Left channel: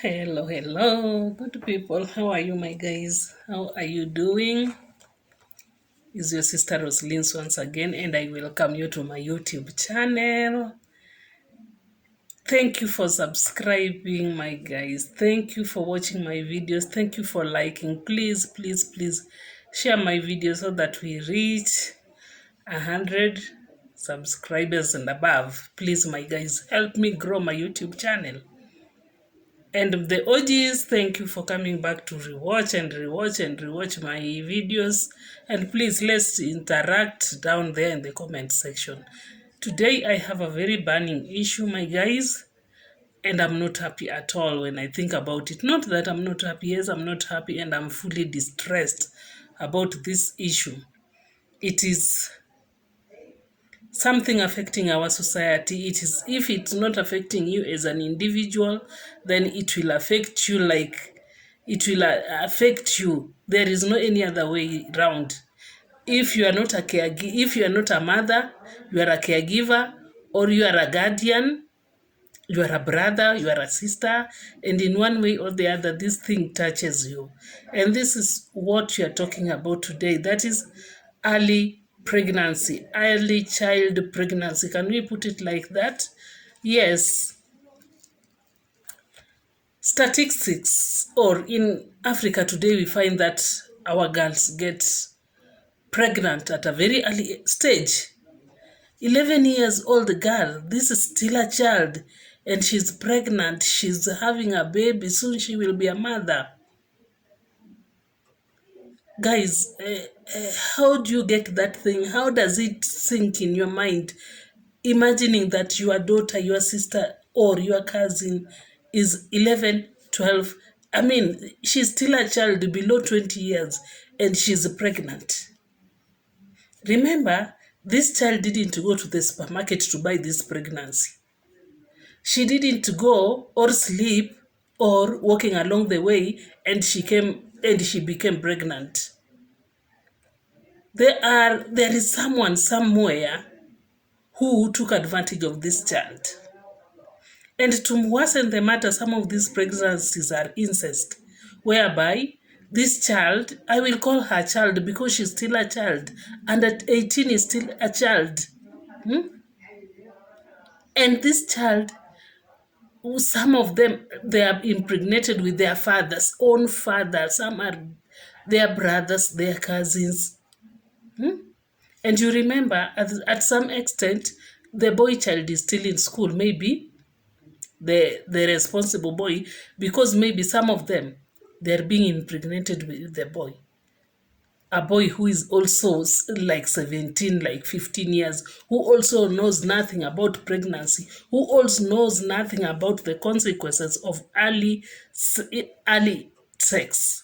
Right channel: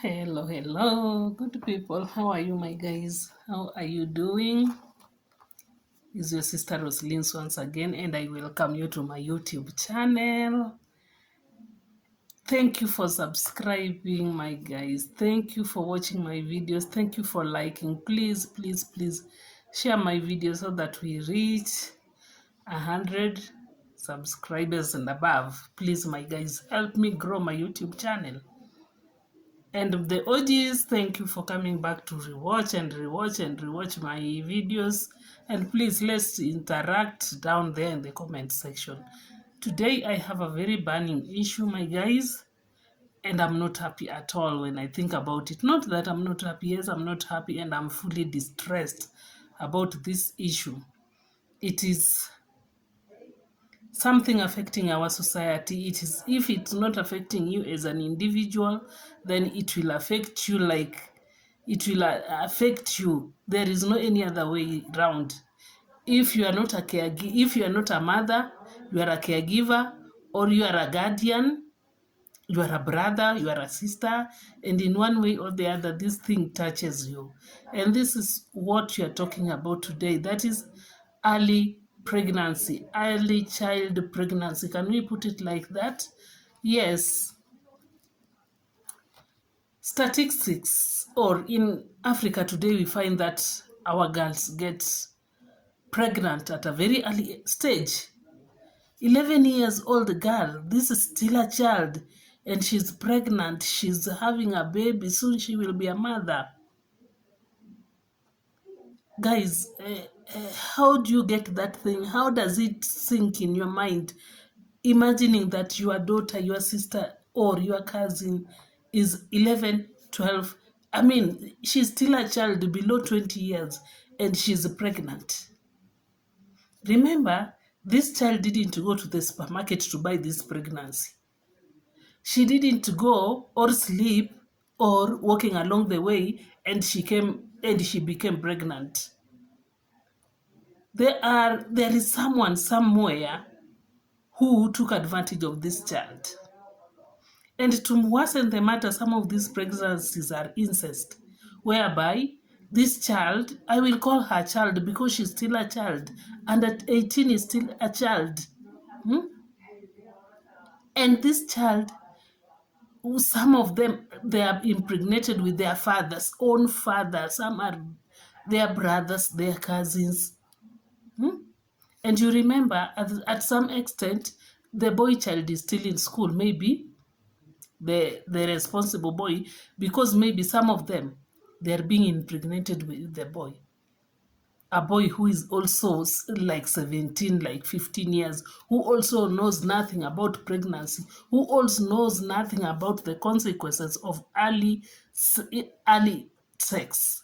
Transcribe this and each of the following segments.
Hello, good people. How are you, my guys? How are you doing? Is your sister Roslyn once again, and I welcome you to my YouTube channel. Thank you for subscribing, my guys. Thank you for watching my videos. Thank you for liking. Please share my videos so that we reach 100 subscribers and above. Please, my guys, help me grow my YouTube channel. And the OGs, thank you for coming back to rewatch my videos. And please, let's interact down there in the comment section. Today, I have a very burning issue, my guys. And I'm not happy at all when I think about it. Not that I'm not happy. Yes, I'm not happy and I'm fully distressed about this issue. It is something affecting our society. It is, if it's not affecting you as an individual, then it will affect you like it will affect you. There is no any other way around. If you are not a caregiver, if you are not a mother, you are a caregiver, or you are a guardian, you are a brother, you are a sister, and in one way or the other, this thing touches you. And this is what we are talking about today. That is early pregnancy, early child pregnancy. Can we put it like that? Yes. Statistics, or in Africa today, we find that our girls get pregnant at a very early stage. 11 years old girl, this is still a child, and she's pregnant, she's having a baby, soon she will be a mother. Guys, how do you get that thing? How does it sink in your mind? Imagining that your daughter, your sister, or your cousin is 11, 12. I mean, she's still a child below 20 years and she's pregnant. Remember, this child didn't go to the supermarket to buy this pregnancy. She didn't go or sleep or walking along the way and she became pregnant. There is someone somewhere who took advantage of this child. And to worsen the matter, some of these pregnancies are incest, whereby this child, I will call her child because she's still a child, and at 18 is still a child. And this child, some of them, they are impregnated with their father's own father. Some are their brothers, their cousins. And you remember, at some extent, the boy child is still in school, maybe the responsible boy, because maybe some of them, they're being impregnated with the boy. A boy who is also like 17, like 15 years, who also knows nothing about pregnancy, who also knows nothing about the consequences of early sex.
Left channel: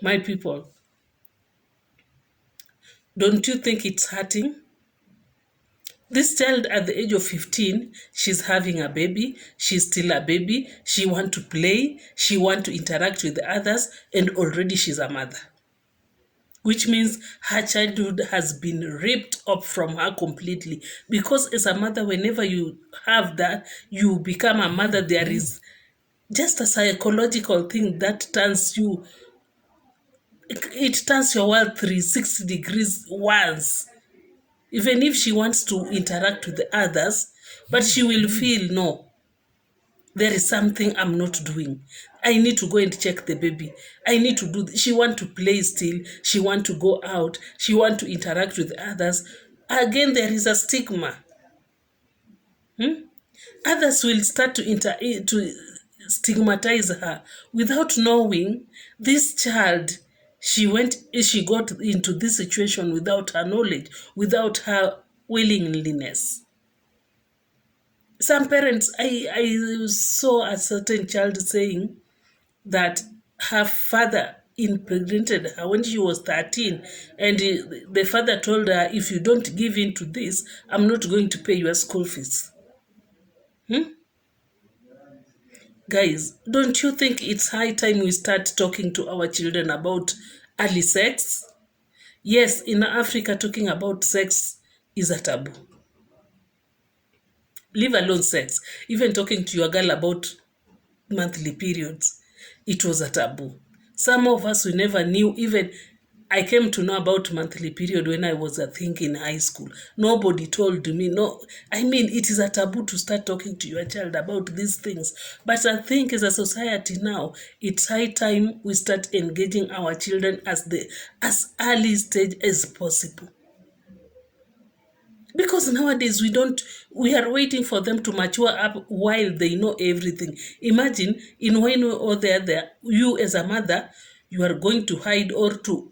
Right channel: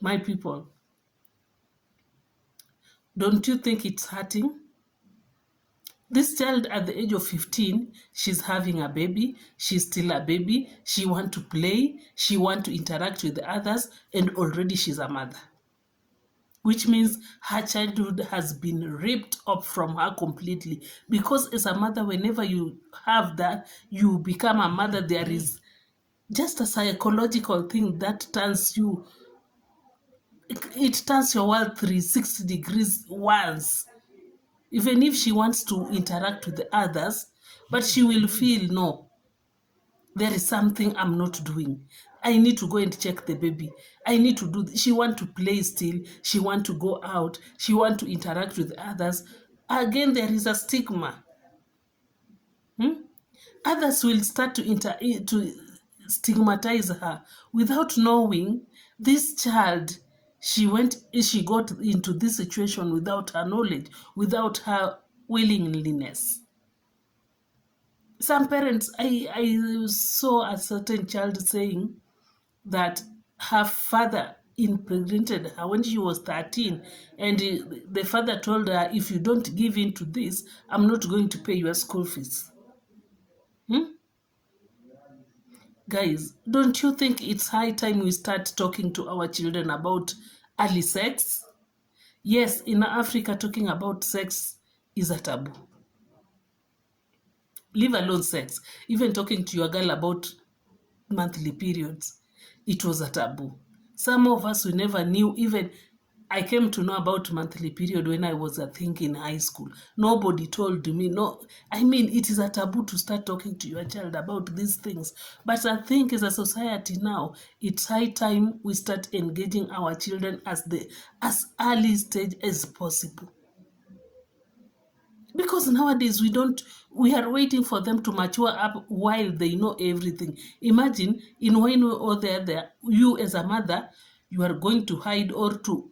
My people, don't you think it's hurting? This child at the age of 15, she's having a baby, she's still a baby, she wants to play, she wants to interact with others, and already she's a mother. Which means her childhood has been ripped up from her completely. Because as a mother, whenever you have that, you become a mother, there is just a psychological thing that turns you, it turns your world 360 degrees once. Even if she wants to interact with the others, but she will feel, no, there is something I'm not doing. I need to go and check the baby. I need to do she want to play still. She want to go out. She want to interact with others. Again, there is a stigma. Others will start to stigmatize her without knowing this child. She got into this situation without her knowledge, without her willingness. Some parents, I saw a certain child saying that her father impregnated her when she was 13, and the father told her, if you don't give in to this, I'm not going to pay your school fees. Guys, don't you think it's high time we start talking to our children about early sex? Yes, in Africa, talking about sex is a taboo. Leave alone sex. Even talking to your girl about monthly periods. It was a taboo. Some of us, we never knew. Even I came to know about monthly period when I was a thing in high school. Nobody told me. No, I mean, it is a taboo to start talking to your child about these things. But I think as a society now, it's high time we start engaging our children as early stage as possible. Because nowadays we are waiting for them to mature up while they know everything. Imagine in one way or the other, you as a mother, you are going to hide or to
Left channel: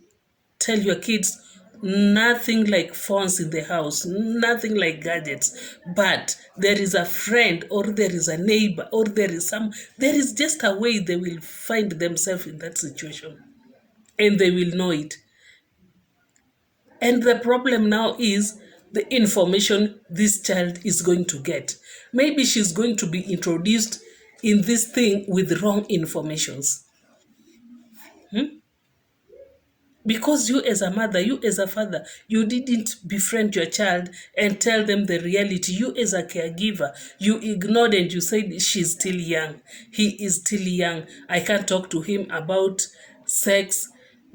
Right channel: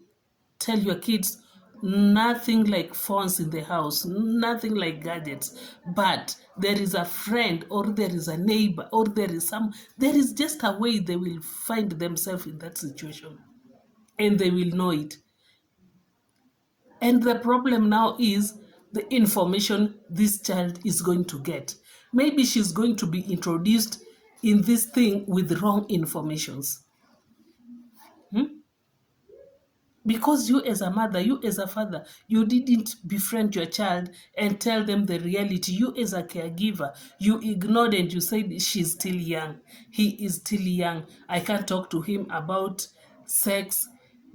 tell your kids nothing like phones in the house, nothing like gadgets. But there is a friend or there is a neighbor or there is just a way they will find themselves in that situation and they will know it. And the problem now is the information this child is going to get. Maybe she's going to be introduced in this thing with wrong informations. Because you as a mother, you as a father, you didn't befriend your child and tell them the reality. You as a caregiver, you ignored and you said she's still young. He is still young. I can't talk to him about sex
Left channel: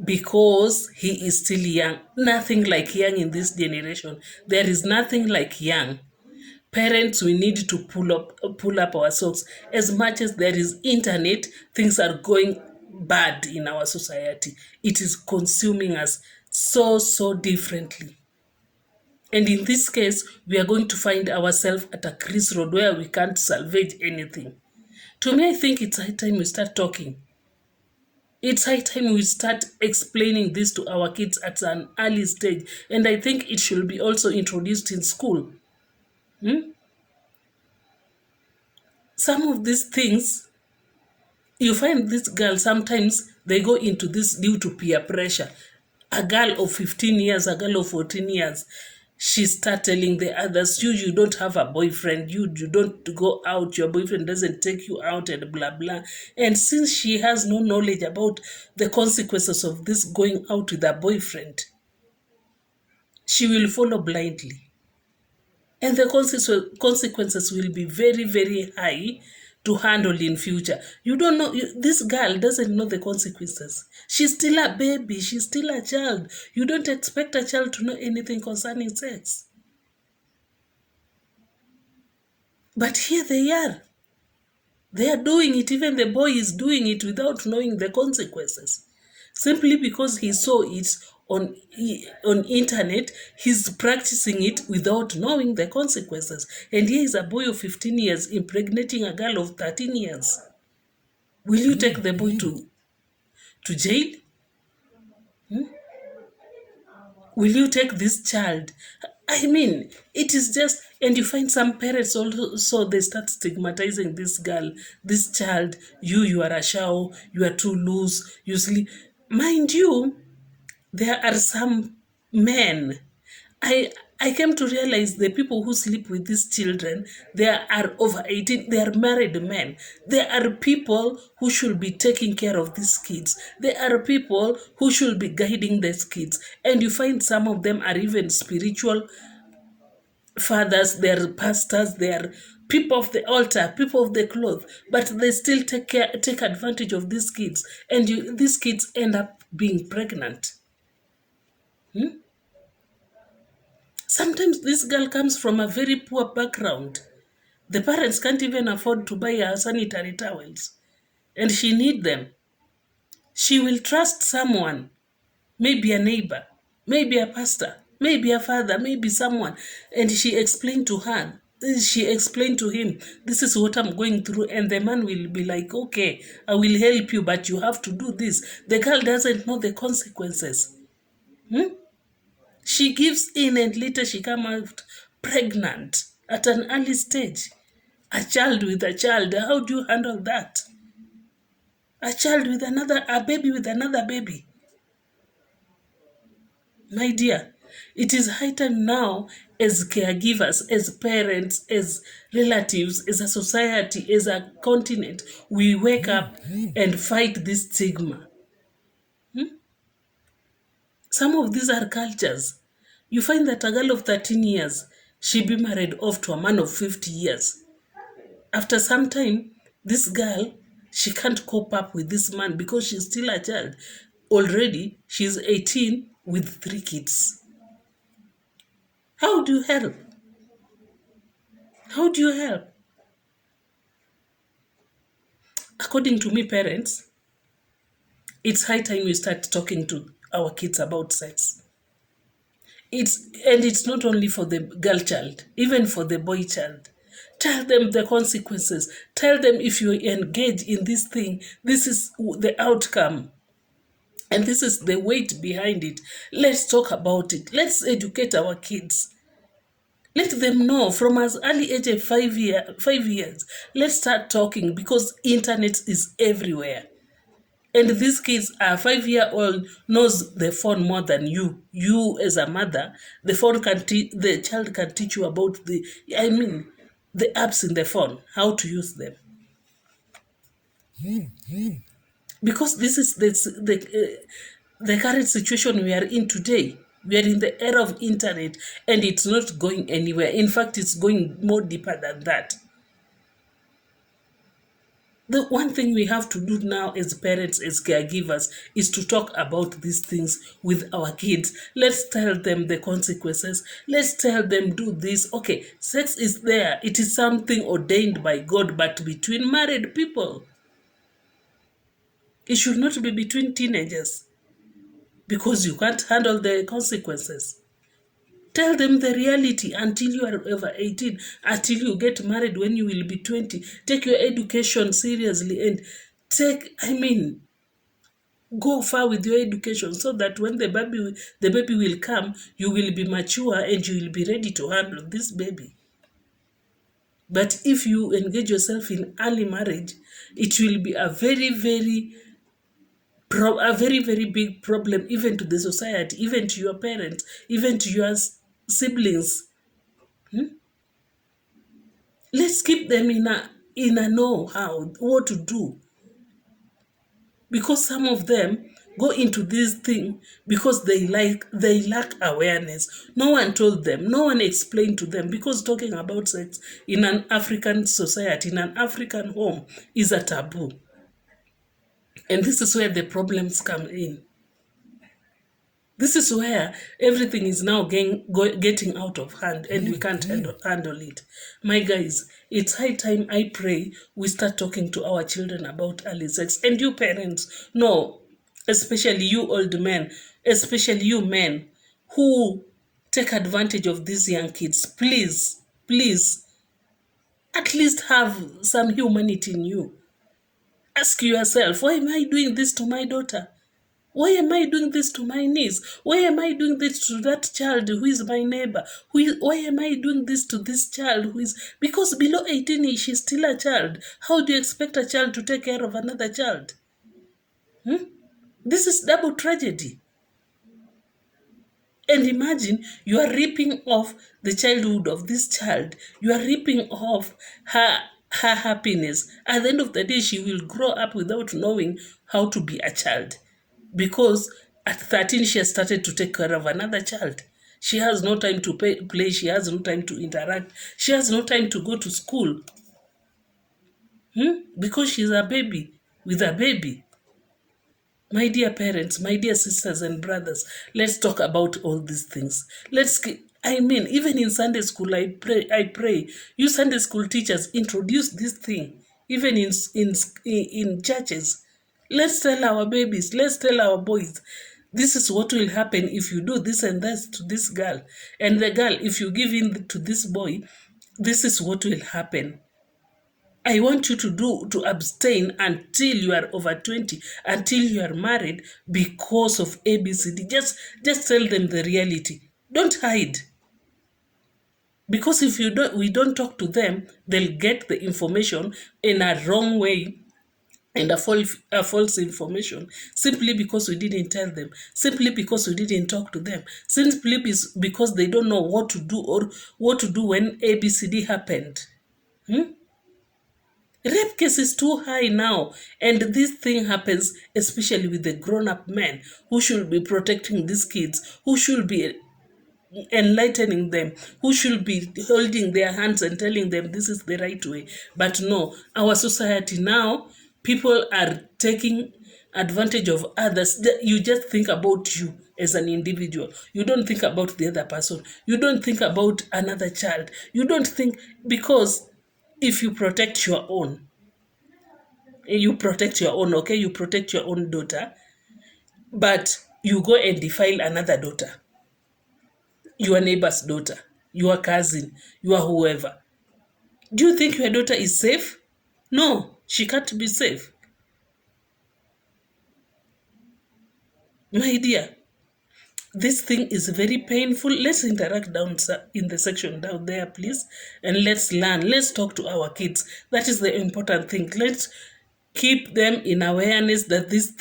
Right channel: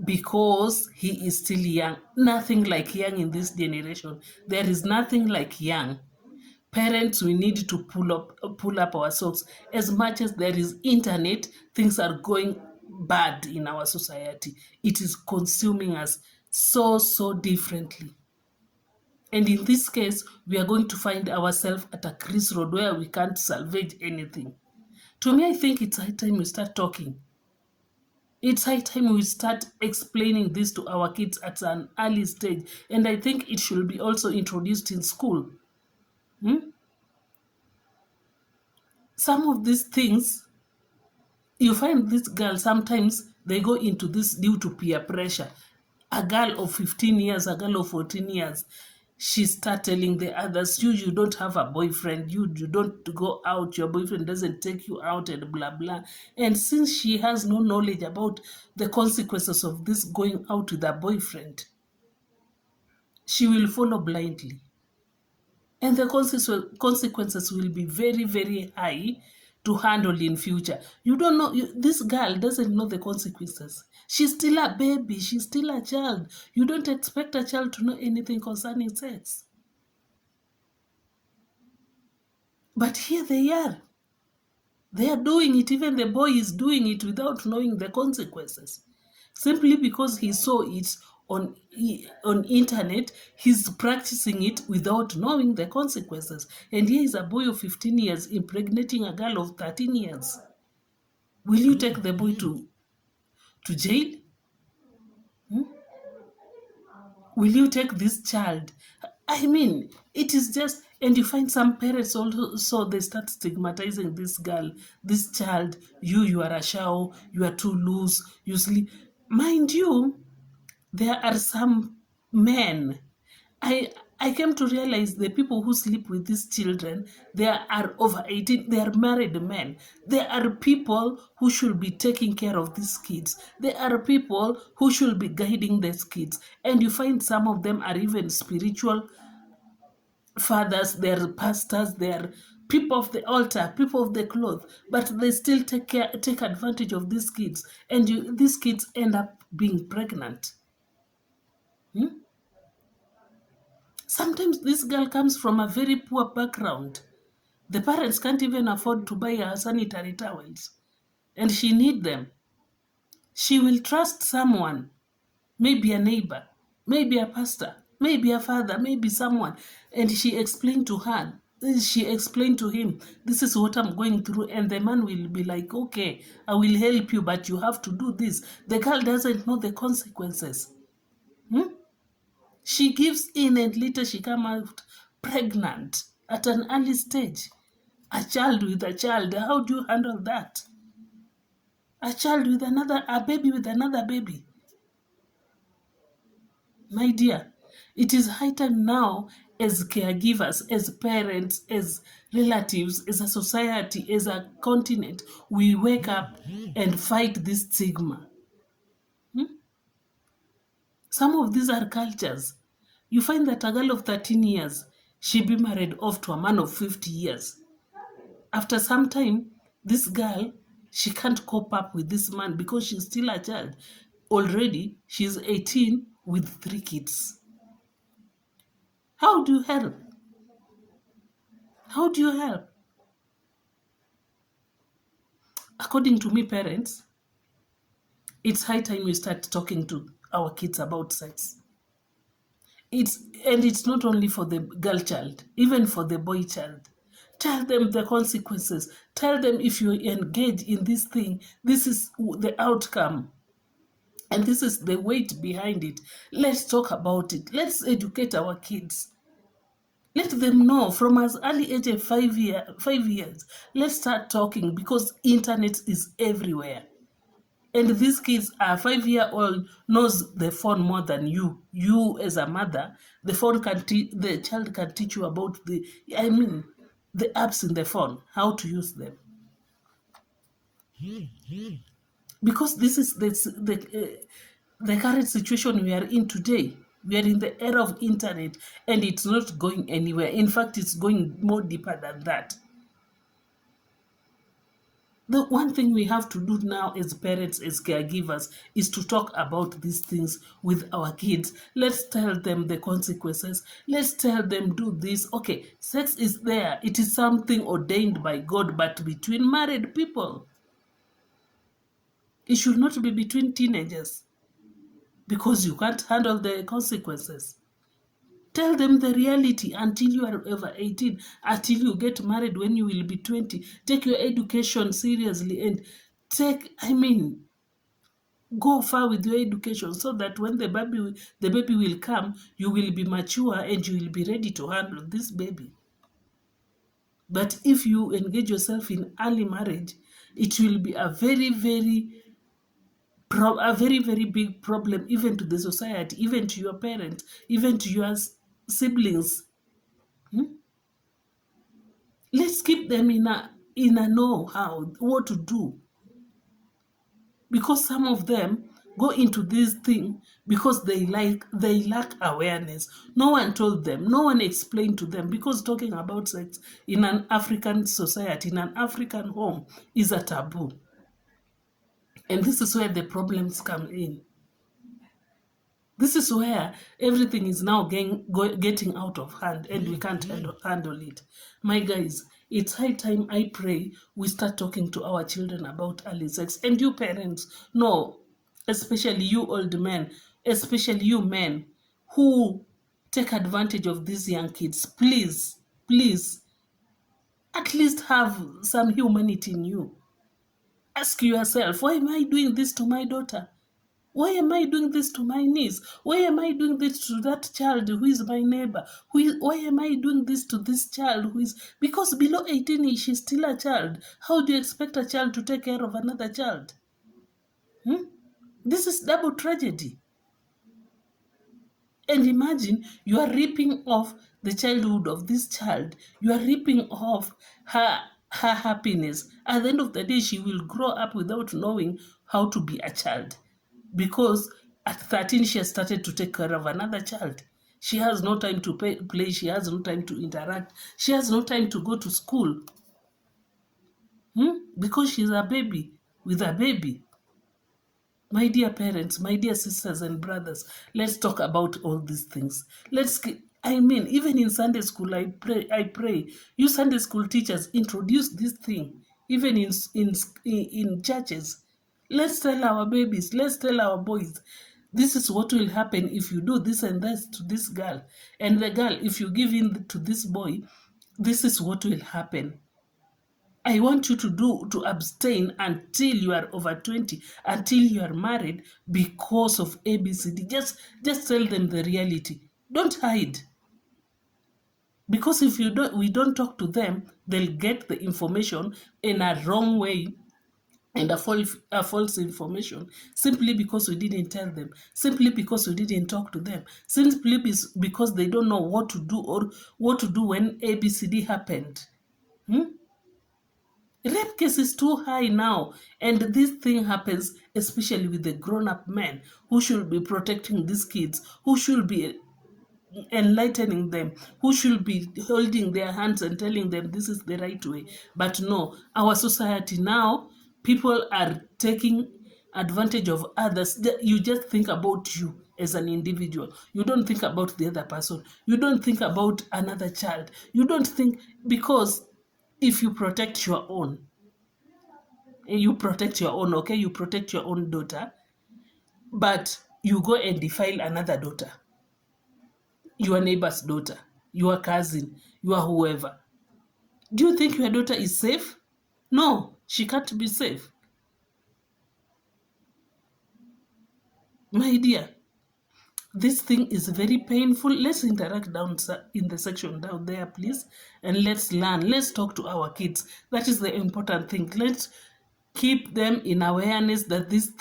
because he is still young. Nothing like young in this generation. There is nothing like young. Parents, we need to pull up our socks. As much as there is internet, things are going bad in our society. It is consuming us so differently. And in this case, we are going to find ourselves at a crossroad where we can't salvage anything. To me, I think it's high time we start talking. It's high time we start explaining this to our kids at an early stage. And I think it should be also introduced in school. Some of these things, you find this girl, sometimes they go into this due to peer pressure. A girl of 15 years, a girl of 14 years, she start telling the others, you don't have a boyfriend, you don't go out, your boyfriend doesn't take you out, and blah blah. And since she has no knowledge about the consequences of this going out with a boyfriend, she will follow blindly. And the consequences will be very high to handle in future. You don't know, this girl doesn't know the consequences. She's still a baby, she's still a child. You don't expect a child to know anything concerning sex. But here they are. They are doing it. Even the boy is doing it without knowing the consequences. Simply because he saw it on internet, he's practicing it without knowing the consequences. And here is a boy of 15 years impregnating a girl of 13 years. Will you take the boy to jail? Will you take this child? I mean, it is just, and you find some parents also, so they start stigmatizing this girl, this child. You are a show, you are too loose, you sleep. Mind you, there are some men. I came to realize the people who sleep with these children, they are over 18, they are married men. There are people who should be taking care of these kids. There are people who should be guiding these kids. And you find some of them are even spiritual fathers, they are pastors, they are people of the altar, people of the cloth, but they still take advantage of these kids. And these kids end up being pregnant. Sometimes this girl comes from a very poor background. The parents can't even afford to buy her sanitary towels, and she needs them. She will trust someone, maybe a neighbor, maybe a pastor, maybe a father, maybe someone, and she explained to him, this is what I'm going through, and the man will be like, okay, I will help you, but you have to do this. The girl doesn't know the consequences. She gives in and later she comes out pregnant at an early stage. A child with a child, how do you handle that? A baby with another baby. My dear, it is high time now, as caregivers, as parents, as relatives, as a society, as a continent, we wake up and fight this stigma. Some of these are cultures. You find that a girl of 13 years, she be married off to a man of 50 years. After some time, this girl She can't cope up with this man because she's still a child. Already, she's 18 with 3 kids. How do you help? How do you help? According to me, parents, it's high time we start talking to our kids about sex. It's not only for the girl child, even for the boy child. Tell them the consequences. Tell them if you engage in this thing, this is the outcome. And this is the weight behind it. Let's talk about it. Let's educate our kids. Let them know from as early age of 5 years. Let's start talking because internet is everywhere. And these kids are 5-year-old knows the phone more than you. You as a mother, the child can teach you about the apps in the phone, how to use them. Because this is the current situation we are in today. We are in the era of internet and it's not going anywhere. In fact, it's going more deeper than that. The one thing we have to do now as parents, as caregivers, is to talk about these things with our kids. Let's tell them the consequences. Let's tell them do this. Okay, sex is there. It is something ordained by God, but between married people. It should not be between teenagers because you can't handle the consequences. Tell them the reality until you are over 18, until you get married when you will be 20. Take your education seriously and go far with your education so that when the baby will come, you will be mature and you will be ready to handle this baby. But if you engage yourself in early marriage, it will be a very, very big problem, even to the society, even to your parents, even to your siblings. Let's keep them in a know how what to do, because some of them go into this thing because they lack awareness. No one told them, no one explained to them, because talking about sex in an African society, in an African home, is a taboo. And this is where the problems come in. This is where everything is now getting out of hand and we can't handle it. My guys, it's high time, I pray, we start talking to our children about early sex. And you parents, no, especially you old men, especially you men who take advantage of these young kids, please, please, at least have some humanity in you. Ask yourself, why am I doing this to my daughter? Why am I doing this to my niece? Why am I doing this to that child who is my neighbor? Why am I doing this to this child who is... Because below 18, she's still a child. How do you expect a child to take care of another child? This is double tragedy. And imagine you are ripping off the childhood of this child. You are ripping off her happiness. At the end of the day, she will grow up without knowing how to be a child. Because at 13, she has started to take care of another child. She has no time to play. She has no time to interact. She has no time to go to school. Because she's a baby with a baby. My dear parents, my dear sisters and brothers, let's talk about all these things. Even in Sunday school, I pray, you Sunday school teachers introduce this thing, even in churches. Let's tell our babies, let's tell our boys, this is what will happen if you do this and that to this girl. And the girl, if you give in to this boy, this is what will happen. I want you to abstain until you are over 20, until you are married, because of ABCD. Just tell them the reality. Don't hide. Because if we don't talk to them, they'll get the information in a wrong way and a false information, simply because we didn't tell them, simply because we didn't talk to them, simply because they don't know what to do or what to do when ABCD happened. Rape case is too high now, and this thing happens especially with the grown-up men who should be protecting these kids, who should be enlightening them, who should be holding their hands and telling them this is the right way. But no, our society now, People are taking advantage of others. You just think about you as an individual. You don't think about the other person. You don't think about another child. You don't think, because if you protect your own, okay, you protect your own daughter, but you go and defile another daughter, your neighbor's daughter, your cousin, your whoever. Do you think your daughter is safe? No, she can't be safe. My dear, this thing is very painful. Let's interact down in the section down there, please, and let's learn. Let's talk to our kids. That is the important thing. Let's keep them in awareness that this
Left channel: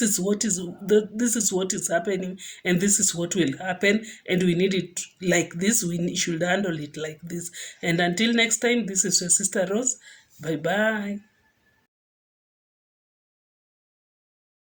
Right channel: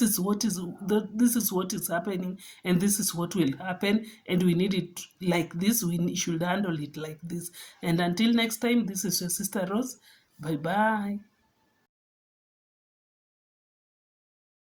is what is happening, and this is what will happen, and we need it like this. We should handle it like this. And until next time, this is your sister Rose. Bye bye.